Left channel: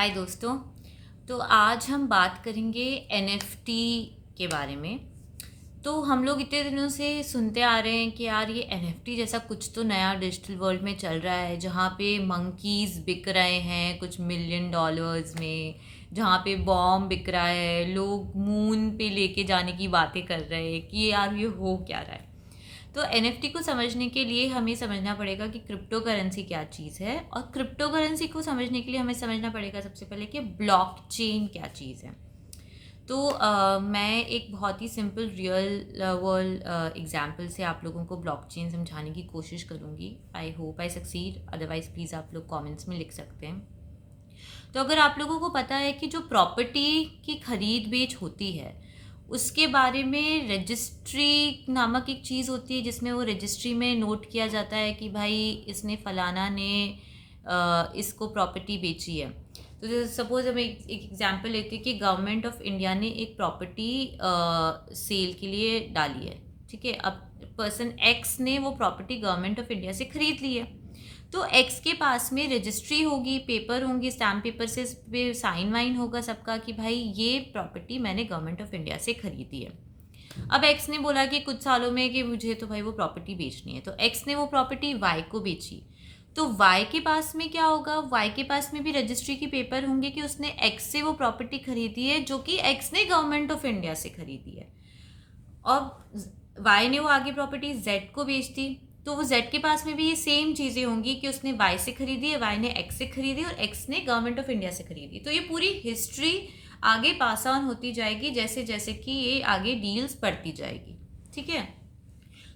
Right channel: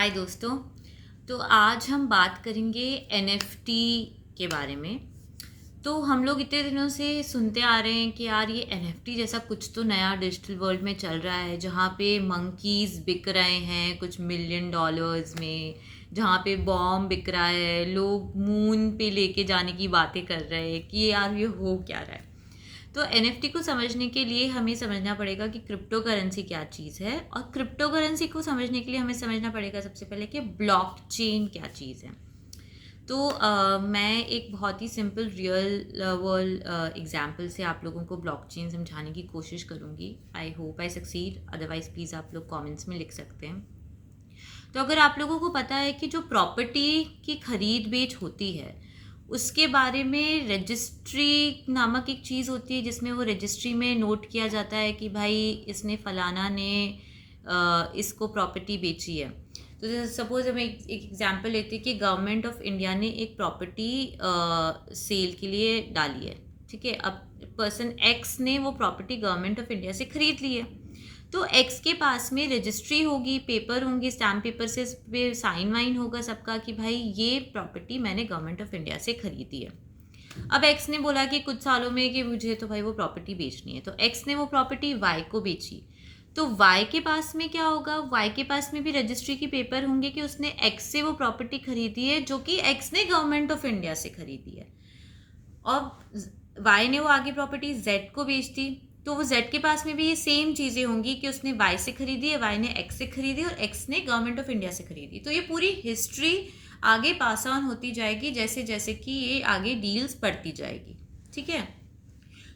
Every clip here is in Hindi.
हाय दोस्तों। तो आज हम बात करेंगे एनएफटी के बारे में। तो हम लोग इतने दिनों से सुनते आ रहे हैं कि यार ये एनएफटी जैसा कुछ तो नया डिजिटल वर्ल्ड में चल रहा है, जहाँ पे मंकीज़ बिक रहे हैं कुछ मिलियन डॉलर्स में, जहाँ पे बॉम्ब बिक रहा है, लोग मून पे लेके जाने की बातें कर रहे हैं कि यार ये हो क्या रहा है। तो एनएफटी को समझने के लिए हमें समझना पड़ेगा कि क्रिप्टो करेंसी क्या चीज़ है, और क्रिप्टो करेंसी को समझने के लिए हमें समझना पड़ेगा सबसे पहले कि ब्लॉकचेन क्या चीज़ है। तो मैं एक बहुत ही सिंपल रियल वर्ल्ड एग्जांपल से आप लोगों को ब्लॉकचेन समझाने की कोशिश करूँगी। I hope I succeed, otherwise please आप लोग कमेंट्स में लिख सकते हैं। तो अगर आप लोगों को पता है कि जो प्रॉपर्टी की खरीद बेच होती है उसके बारे में रजिस्ट्री नामक एक चीज़ होती है, जिसमें वो रजिस्ट्री में नोट किया जाता है कि भाई इसने फलाना ने इसको प्रॉपर्टी बेची है। तो सपोज हम एक एग्जांपल लेते हैं कि गवर्नमेंट ऑफ इंडिया ने एक प्रॉपर्टी सेल के लिए डाली है। ठीक है, अब पर्सन एक्स ने वो प्रॉपर्टी गवर्नमेंट ऑफ इंडिया से खरीद ली है। तो एक्स के पास में रजिस्ट्री होगी, पेपर होंगे, स्टैम्प पेपर से इस पे साइन वाइन होगा सबका कि भाई ये प्रॉपर्टी मैंने गवर्नमेंट ऑफ इंडिया से खरीदी है। अब एक्स ने बोला कि कुछ सालों में कि मुझे तो भाई वो प्रॉपर्टी बेचनी है, तो एक्स ने वो प्रॉपर्टी वाई को बेची। तो वाई के पास में क्या होगा, वाई के पास में भी रजिस्ट्री के पेपर होंगे कि उसने एक्स से वो प्रॉपर्टी खरीदी है, जो कि एक्स ने गवर्नमेंट ऑफ इंडिया से खरीदी है। और वाई ने वो आगे प्रॉपर्टी जेड को बेच दी, तो वो जेड के पास में भी ये सेम चीज़ें होंगी कि उसने वाई से खरीदी है, वाई ने एक्स से खरीदी और एक्स ने गवर्नमेंट ऑफ इंडिया से खरीदी। तो ये पूरी हिस्ट्री आगे पास ऑन होती जाएगी जैसे जैसे कि ये आगे डील्स बढ़ती जाएगी। ठीक है,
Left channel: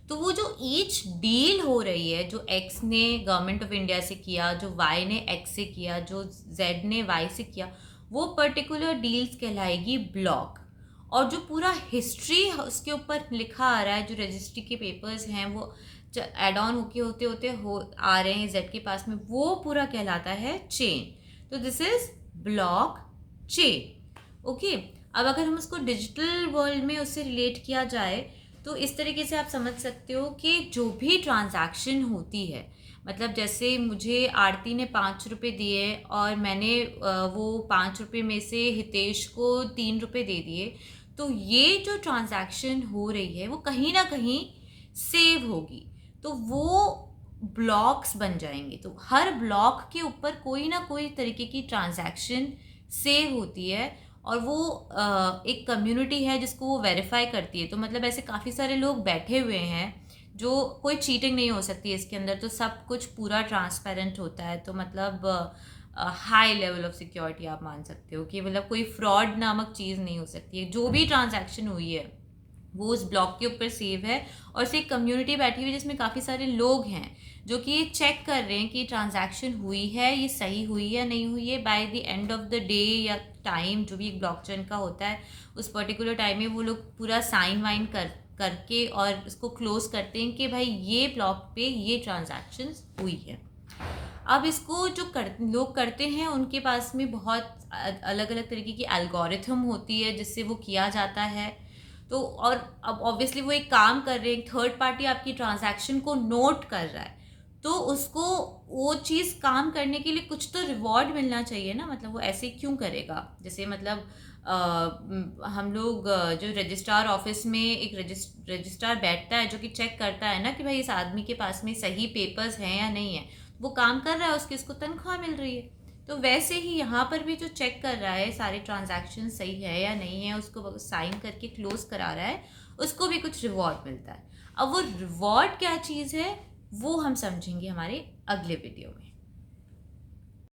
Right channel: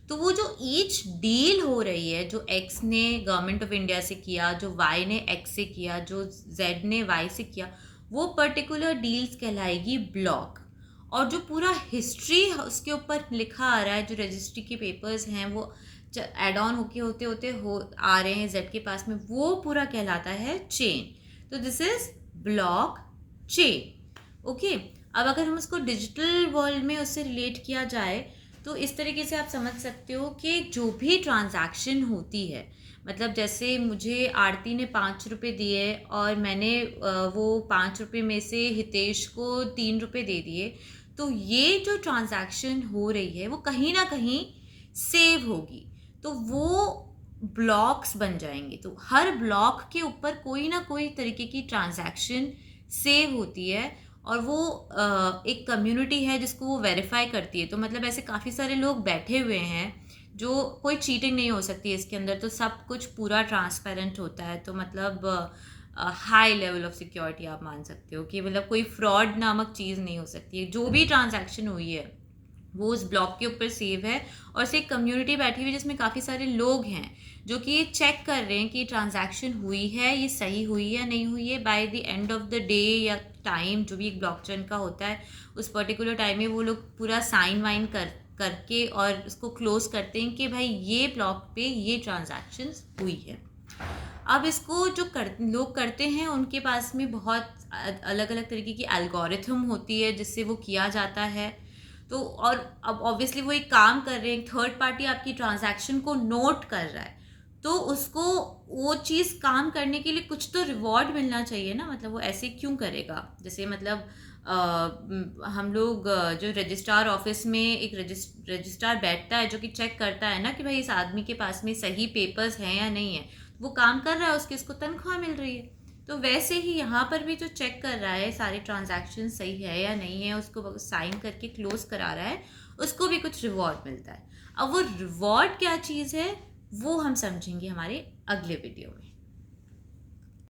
तो वो जो ईच डील हो रही है, जो एक्स ने गवर्नमेंट ऑफ इंडिया से किया, जो वाई ने एक्स से किया, जो जेड ने वाई से किया, वो पर्टिकुलर डील्स कहलाएगी ब्लॉक। और जो पूरा हिस्ट्री उसके ऊपर लिखा आ रहा है, जो रजिस्ट्री के पेपर्स हैं वो एड ऑन होते होते हो आ रहे हैं जेड के पास में, वो पूरा कहलाता है चेन। तो this is block chain. Okay, अब अगर हम उसको डिजिटल वर्ल्ड में उससे रिलेट किया जाए तो इस तरीके से आप समझ सकते हो कि जो भी ट्रांजैक्शन होती है, मतलब जैसे मुझे आरती ने 5 रुपये दिए और मैंने वो 5 रुपये में से हितेश को 3 रुपये दे दिए, तो ये जो ट्रांजैक्शन हो रही है वो कहीं ना कहीं सेव होगी। तो वो ब्लॉक्स बन जाएंगे। तो हर ब्लॉक के ऊपर कोई ना कोई तरीके की ट्रांजैक्शन सेव होती है, और वो एक कम्युनिटी है जिसको वो वेरीफाई करती है। तो मतलब ऐसे काफ़ी सारे लोग बैठे हुए हैं, जो कोई चीटिंग नहीं हो सकती है इसके अंदर, तो सब कुछ पूरा ट्रांसपेरेंट होता है। तो मतलब हाई लेवल ऑफ सिक्योरिटी आप मान सकते हो कि मतलब कोई फ्रॉड नामक चीज़ नहीं हो सकती है। जो भी ट्रांजैक्शन हुई है वो उस ब्लॉक के ऊपर सेव है, और उससे एक कम्युनिटी बैठी हुई है जिसमें काफ़ी सारे लोग हैं जो कि ये चेक कर रहे हैं कि ट्रांजैक्शन हुई है, ये सही हुई है नहीं हुई है। By the end of the day या टाइम जो भी एक ब्लॉकचेन का होता है, उस पर्टिकुलर टाइम में वो लोग पूरा साइन वाइन करके और उसको क्लोज करते हैं कि भाई ये ब्लॉक पे ये ट्रांजैक्शंस हुई है। अब इसको जो लोग करते हैं उनके पास में बहुत अलग अलग तरीके की एल्गोरिथम होती है जिससे वो किया जाता है। तो और अब ऑब्वियसली वो एक काम कर रहे हैं, थर्ड पार्टी आपकी ट्रांजैक्शन को नोट कर रहा है, तो उसको वो चीज़ काम करने के लिए कुछ तो रिवॉर्ड मिलना चाहिए ना। मतलब वो ऐसे क्यों करेगा, जैसे मतलब हम लोग जो रजिस्ट्रार ऑफिस में एक रजिस्ट्रार बैठता है जो कि चेक करता है ना कि भाई इस आदमी के पास में सही पेपर्स हैं या नहीं है, वो काम कर रहा है, उसकी इसको तनख्वाह मिल रही है। तो वैसे ही यहाँ पर भी जो चेक कर रहा है सारे ट्रांजैक्शन सही है या नहीं है, उसको साइन करके क्लोज करा रहा है, उसको भी कुछ रिवॉर्ड मिलता है। अब वो रिवॉर्ड क्या चीज़ है वो हम समझेंगे हमारे अगले वीडियो में।